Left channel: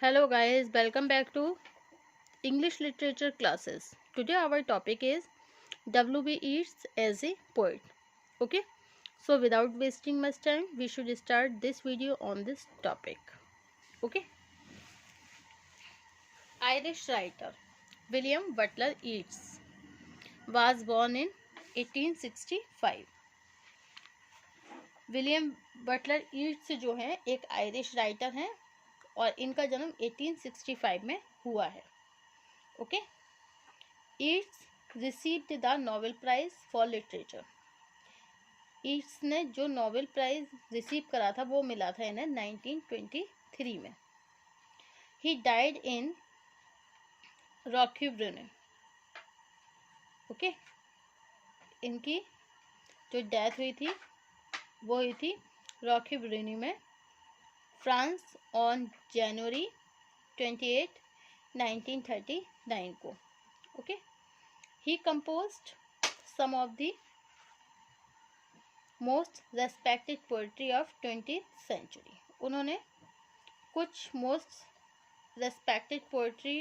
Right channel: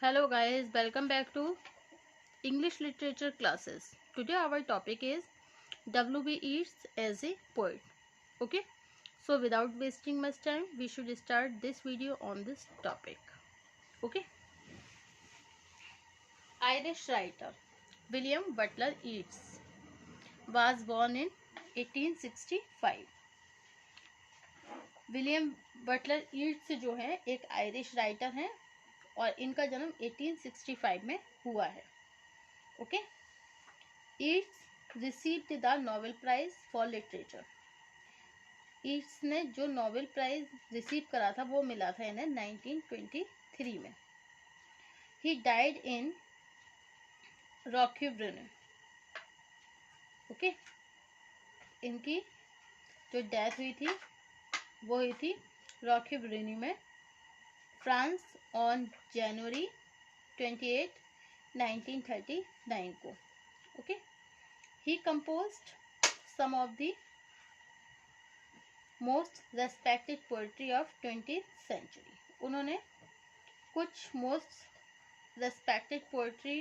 Hello guys, welcome back to English literature classes. Today our topic is W.B. Yeats as a poet. Okay, so without wasting much time, we should start this video on this topic. Okay, Irish writer William Butler Yeats was born in 1865. William Butler Yeats जो है एक Irish writer हैं और इनका जन्म 1865 में हुआ है. Okay, Yeats received the Nobel Prize for literature. Yeats ने जो नोबेल प्राइज रिसीव करा था वो मिला था इन्हें 1923 में. He died in रॉक्यूब्रेने. ओके, इनकी जो डेथ हुई थी वो हुई थी रॉक्यूब्रेने में, फ्रांस, ऑन जनवरी 28, 1939 को. Okay, he composed some of the most respected poetry of 20th century. उन्होंने कुछ most respected poetry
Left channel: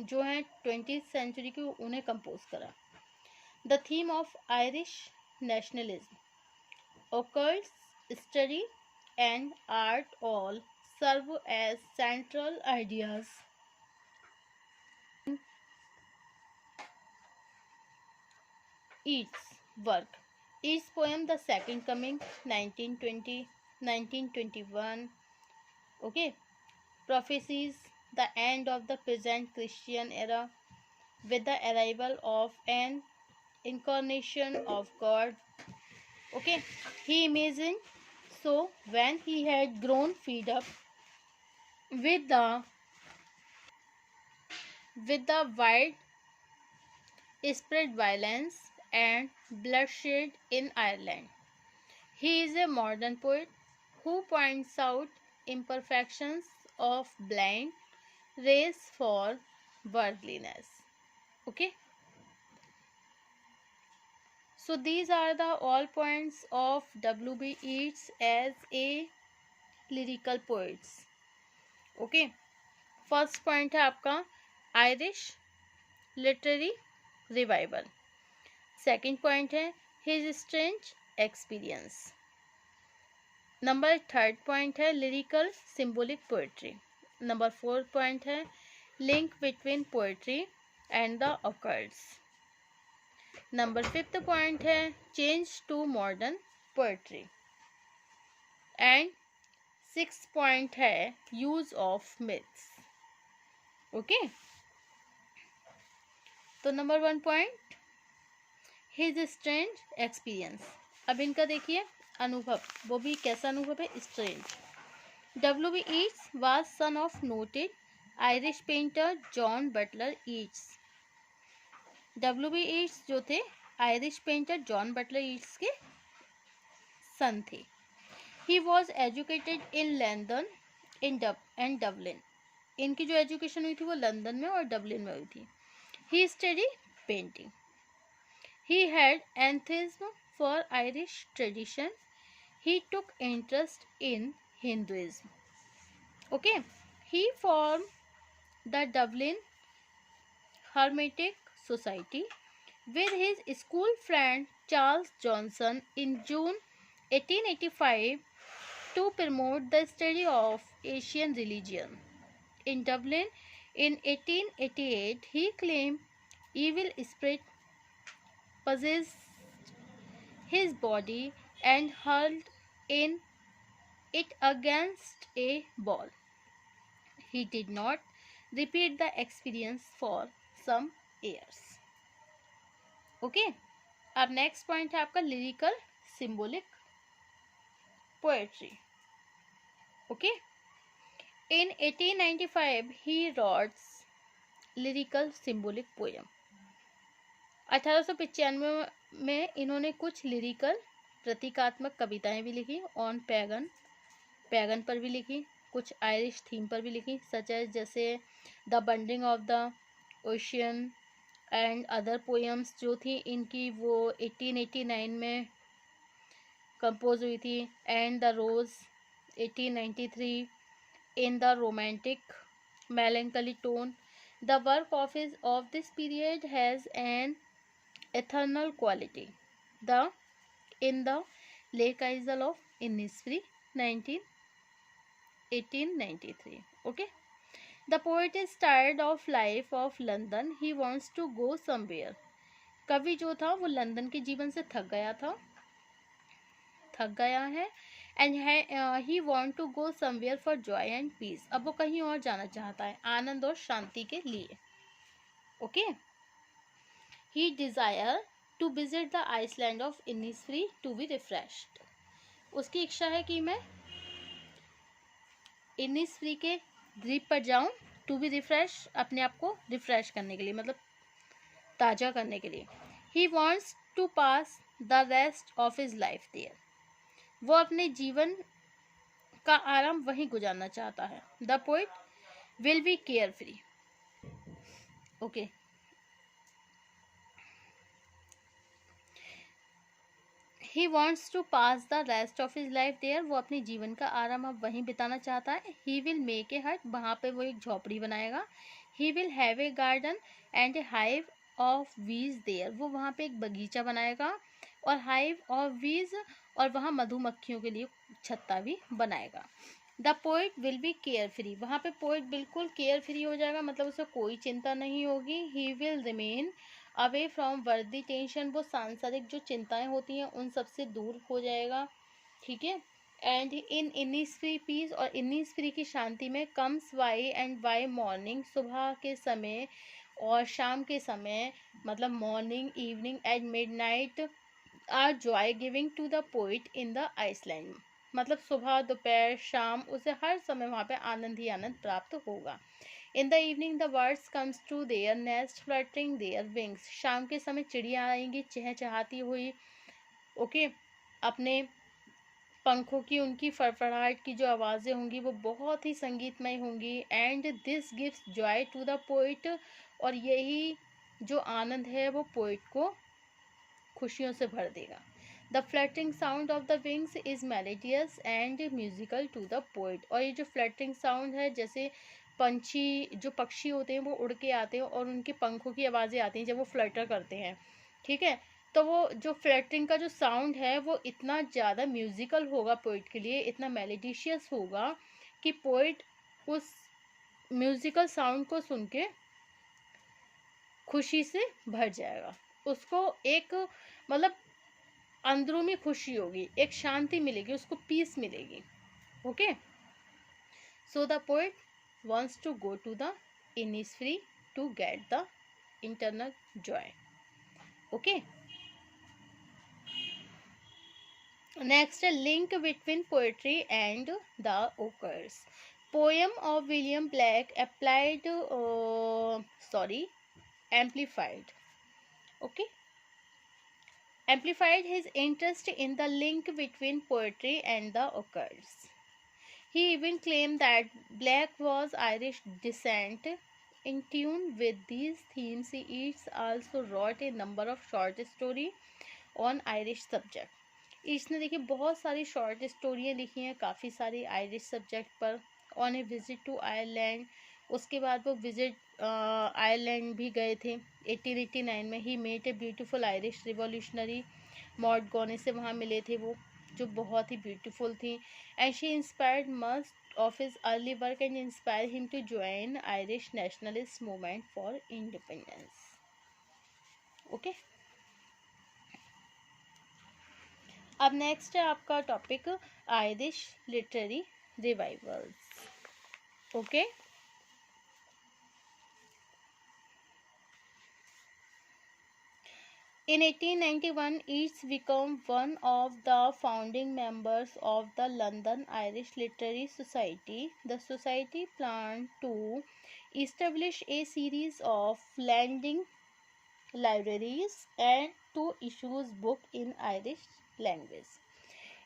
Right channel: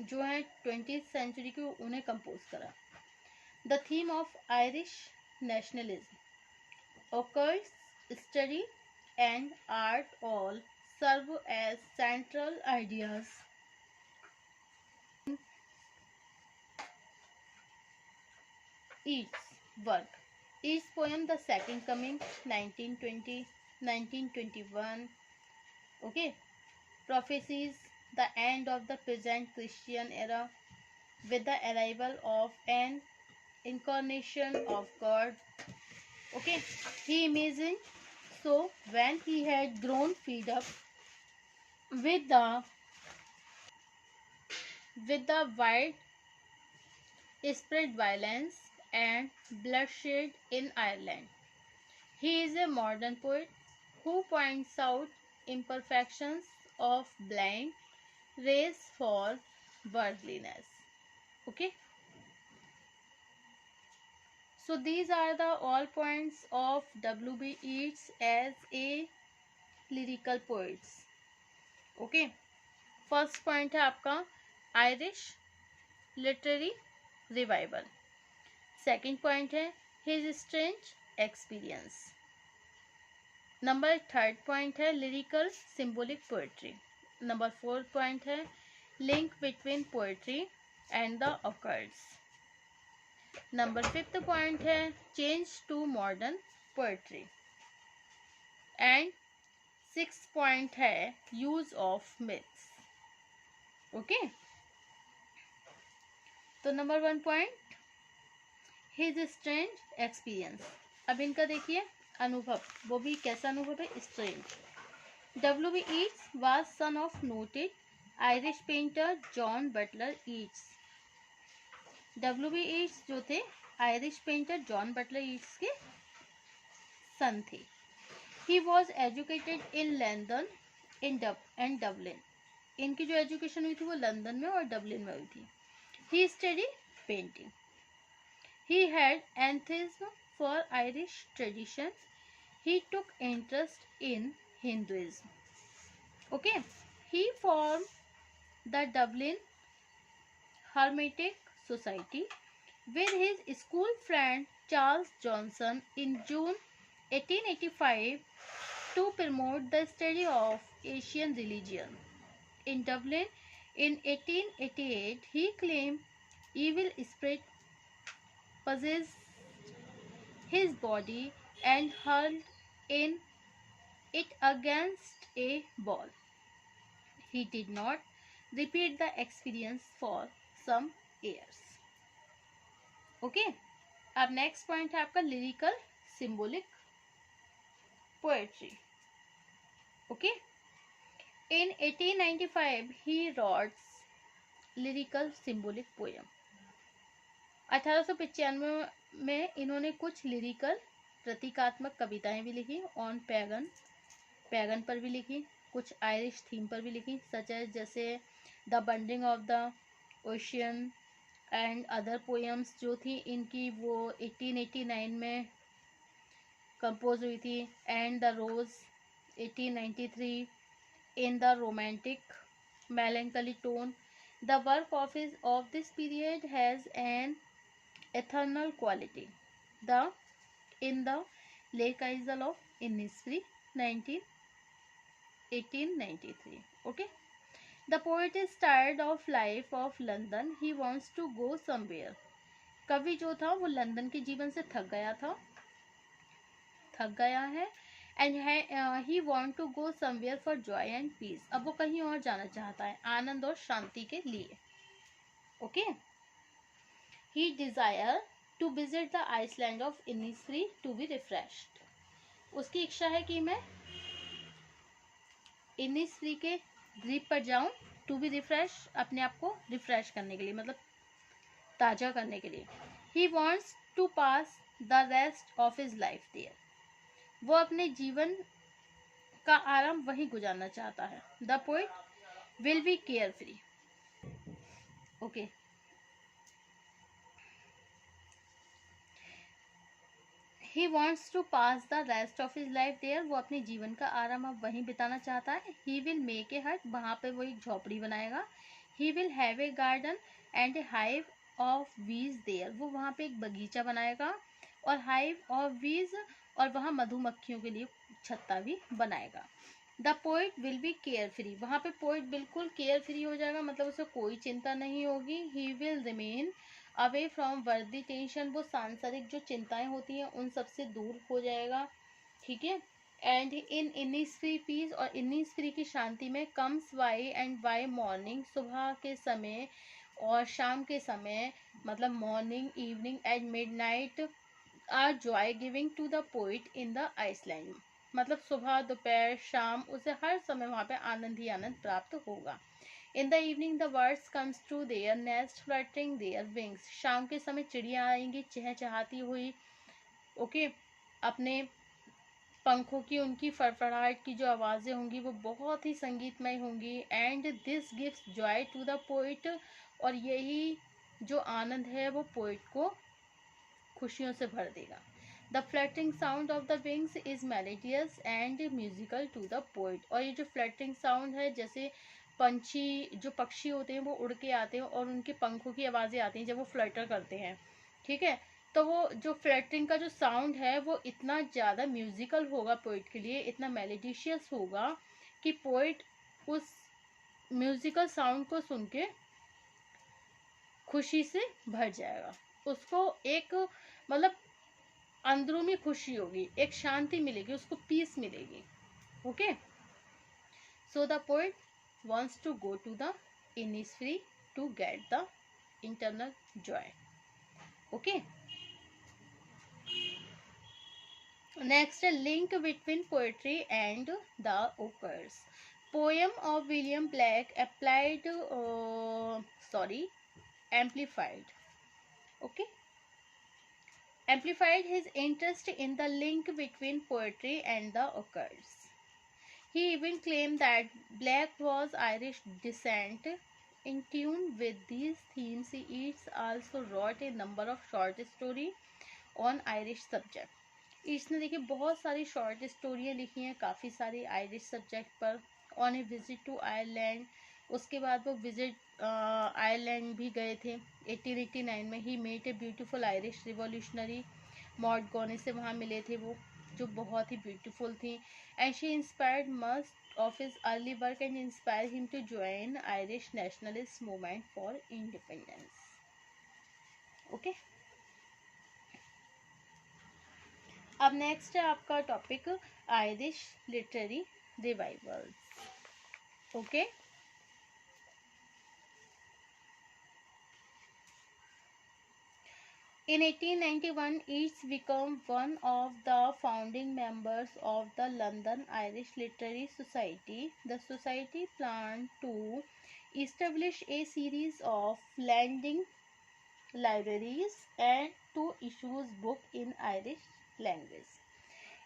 जो है 20th century की उन्हें कंपोज करा. The theme of Irish nationalism, occult study and art all serve as central ideas Yeats' work. Yeats' poem The Second Coming 1920 1921, okay, prophesies the end of the present Christian era with the arrival of an incarnation of God. Okay, he imagined so when he had grown fed up with the wide spread violence and bloodshed in Ireland. He is a modern poet who points out imperfections of blind race for worldliness. Okay. So these are the all points of W.B. Yeats as a lyrical poets. Okay. First point है आपका Irish literary revival. Second point है his strange experience. Number third point है lyrical symbolic poetry. Number fourth point है link between poetry and the occults. Number fifth point है change to modern poetry. And sixth point है use of myths. Okay. तो number 1 point his strange experience. अब इनका देखिए अनुभव, वो भी कैसा अनुभव है, strange. W.B. Yeats was son of noted Irish painter John Butler Yeats. W.B. Yeats जो थे Irish painter John Butler Yeats के सन थे. He was educated in London and Dublin. इनकी जो एजुकेशन हुई थी वो लंदन में और डबलिन में हुई थी. He studied painting. He had enthusiasm for Irish tradition. He took interest in Hinduism. Okay. He formed the Dublin Hermetic Society with his school friend Charles Johnson in June 1885 to promote the study of Asian religion. In Dublin in 1888, he claimed evil spirit possessed his body and hurled it against a wall. He did not repeat the experience for some years. Okay. अब next point है आपका lyrical symbolic poetry. Okay. In 1895, he wrote lyrical symbolic poem. 1895 में इन्होंने कुछ lyrical प्रतीकात्मक कविताएं भी लिखी. ऑन पैगन पर भी लिखी, कुछ आयरिश थीम पर भी लिखी, सच एज जैसे the wandering of the Oisin and other poems जो थी इनकी वो 1889 में कंपोज हुई थी. And the rose 1893, in the romantic, melancholy tone. The work of this period has an eternal quality. The In the Lake Isle of Innisfree, 1893. Okay. The poet is tired of life of London. He wants to go somewhere. कवि जो था वो London के जीवन से थक गया है and he want to go somewhere for joy and peace. अब वो कहीं और जाना चाहता है आनंद और शांति के लिए. Okay. He desire to visit the island of Innisfree to be refreshed. उसकी इच्छा है कि मैं इनिसफ्री के द्वीप पर जाऊं टू बी रिफ्रेश, अपने आप को रिफ्रेश करने के लिए, मतलब ताज़ा करने के लिए. He wants to pass the rest of his life there. वो अपने जीवन का आराम वहीं गुजारना चाहता है. The poet will be carefree. Okay. He wants to pass the rest of his life there. वो अपने जीवन का आराम अब वहीं बिताना चाहता है. ही विल मेक ए हट. वहाँ पे वो एक झोपड़ी बनाएगा. He will have a garden and A hive of वीज देयर. वो वहाँ पे एक बगीचा बनाएगा और हाइव ऑफ वीज, और वहाँ मधुमक्खियों के लिए छत्ता भी बनाएगा. The poet will be care free. वहाँ पे पोइट बिल्कुल केयर फ्री हो जाएगा, मतलब उसे कोई चिंता नहीं होगी. He will remain away from वर्दी टेंशन. वो सांसारिक जो चिंताएं होती हैं उन सब से दूर हो जाएगा. ठीक है. एंड इन इनिसफ्री पीस, और इनिसफ्री की शांति में comes by and by morning. सुबह के समय और शाम के समय, मतलब morning, evening and midnight are joy giving to the poet in the island. मतलब सुबह, दोपहर, शाम, उसे हर समय वहाँ पे आनंद ही आनंद प्राप्त होगा. In the evening the birds comes to their nest fluttering their wings. शाम के समय चिड़िया आएंगी चहचहाती हुई. ओके. अपने पंखों की, उनकी फड़फड़ाहट की जो आवाज़ें होंगी वो बहुत ही संगीतमय होंगी. And this gives joy to the poet. और यही जो आनंद है वो पोइट को खुशियों से भर देगा. The fluttering sound of the wings is melodious and musical to the poet. और ये जो फ्लटरिंग साउंड है, जैसे जो पक्षी होते हैं वो उड़ के आते हैं और उनके पंखों की आवाज़ें आती हैं जब वो फ्लटर करते हैं. ठीक है. तो वो जो फ्लटरिंग का जो साउंड है वो इतना ज़्यादा म्यूजिकल होगा पोइट के लिए, इतना मेलेडिशियस होगा कि पोइट उस म्यूजिकल साउंड को सुन के खुशी से भर जाएगा. उसको एक, मतलब अंदरूनी खुशी होगी, एक शांति मिलेगी, उसको पीस मिलेगी. Okay. So the poet wants to go to the Innisfree to get the internal joy. Okay. Next, a link between poetry and the occurs. Poem of William Blake amplified. Okay. Amplified his interest in the link between poetry and the occurs. He even claimed that Blake was Irish descent. In tune with these themes, he also wrote a number of short stories on Irish subject. इसने देखिए बहुत सारी short स्टोरियाँ लिखी हैं काफ़ी सारी Irish subject पर. On a visit to Ireland. उसके बाद वो विजिट आयरलैंड भी गए थे 1889 में. He met a beautiful Irish revolutionary. Maud Gonne से वहाँ मिले थे वो, जो बहुत ही ब्यूटीफुल थी. And she inspired must of his early work and inspire him to join Irish nationalist movement for independence. Okay. अब नेक्स्ट है आपका topic Irish literary revivals. Okay. In 1891, Yeats became one of the founding members of the London Irish Literary Society. The society planned to establish a series of lending libraries and to issue books in Irish language.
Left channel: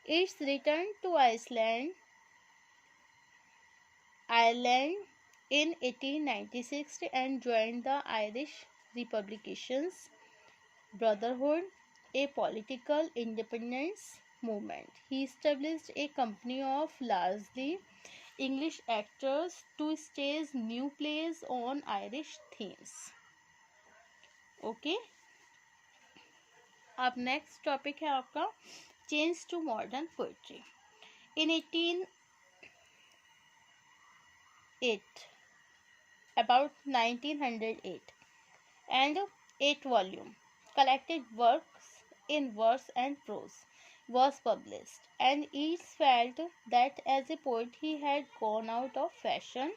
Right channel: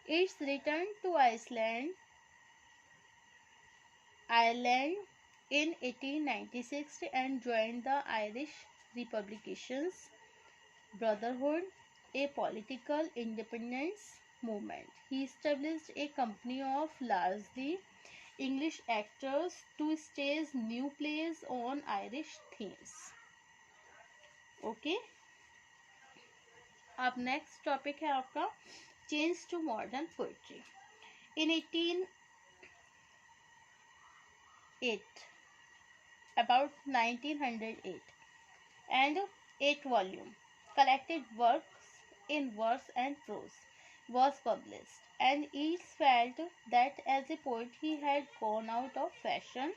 Yeats returned to Ireland in 1896 and joined the Irish Republicans Brotherhood, a political independence movement. He established a company of largely English actors to stage new plays on Irish themes. Okay. अब next topic है आपका change to modern poetry. In 1808, about 1908, and 8-volume collected works in verse and prose was published, and each felt that as a poet he had gone out of fashion.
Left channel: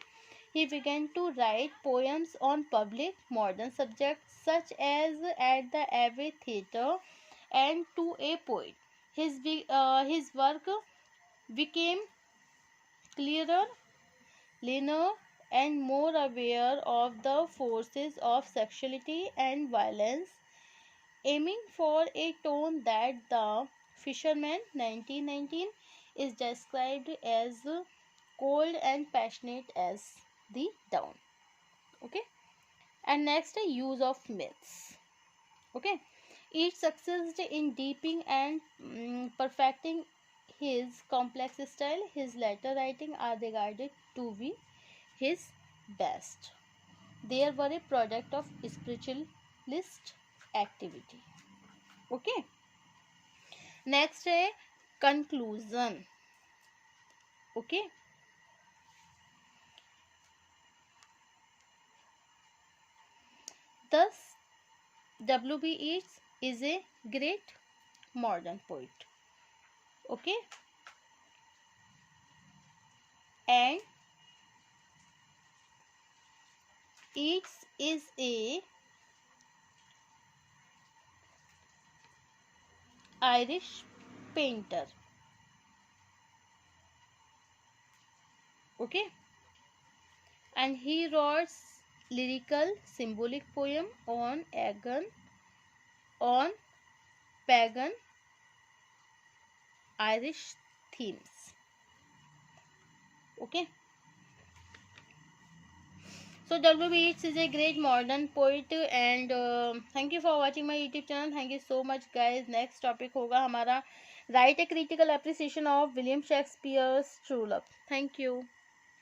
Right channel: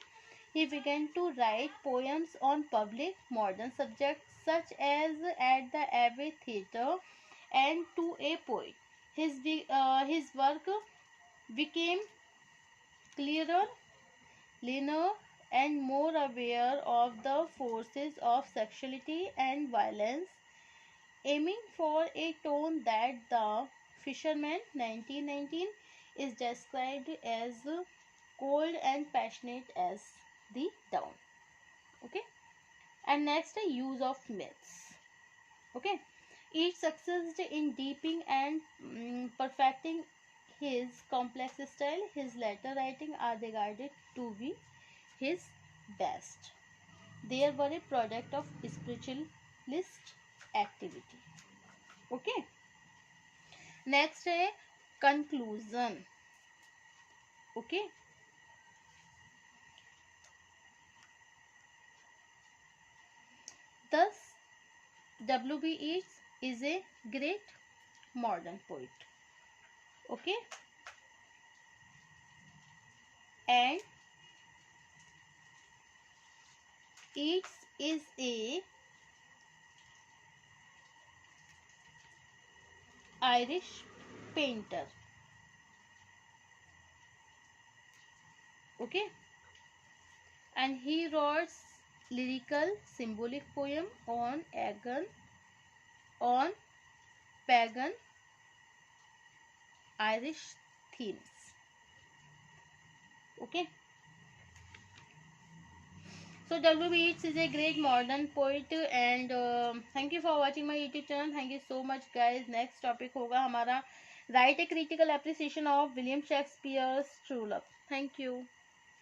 He began to write poems on public modern subjects such as At the Abbey Theatre and To a Poet. His work became clearer, leaner, and more aware of the forces of sexuality and violence, aiming for a tone that The Fisherman 1919 is described as cold and passionate as the dawn. Okay. And next, use of myths. Okay. Each succeeded in deepening and perfecting his complex style. His later writing are regarded to be his best. They were a product of spiritualist activity. Okay. Next है conclusion. Okay. Thus, W.B. Yeats is a great modern poet. Okay. And Yeats is a Irish painter. Okay. And he wrote lyrical symbolic poem on pagan Irish themes. Okay. So W.B. Yeats is a great modern poet and thank you for watching my YouTube channel. Thank you so much guys. Next topic होगा हमारा write a critical appreciation of William Shakespeare's True Love. Thank you.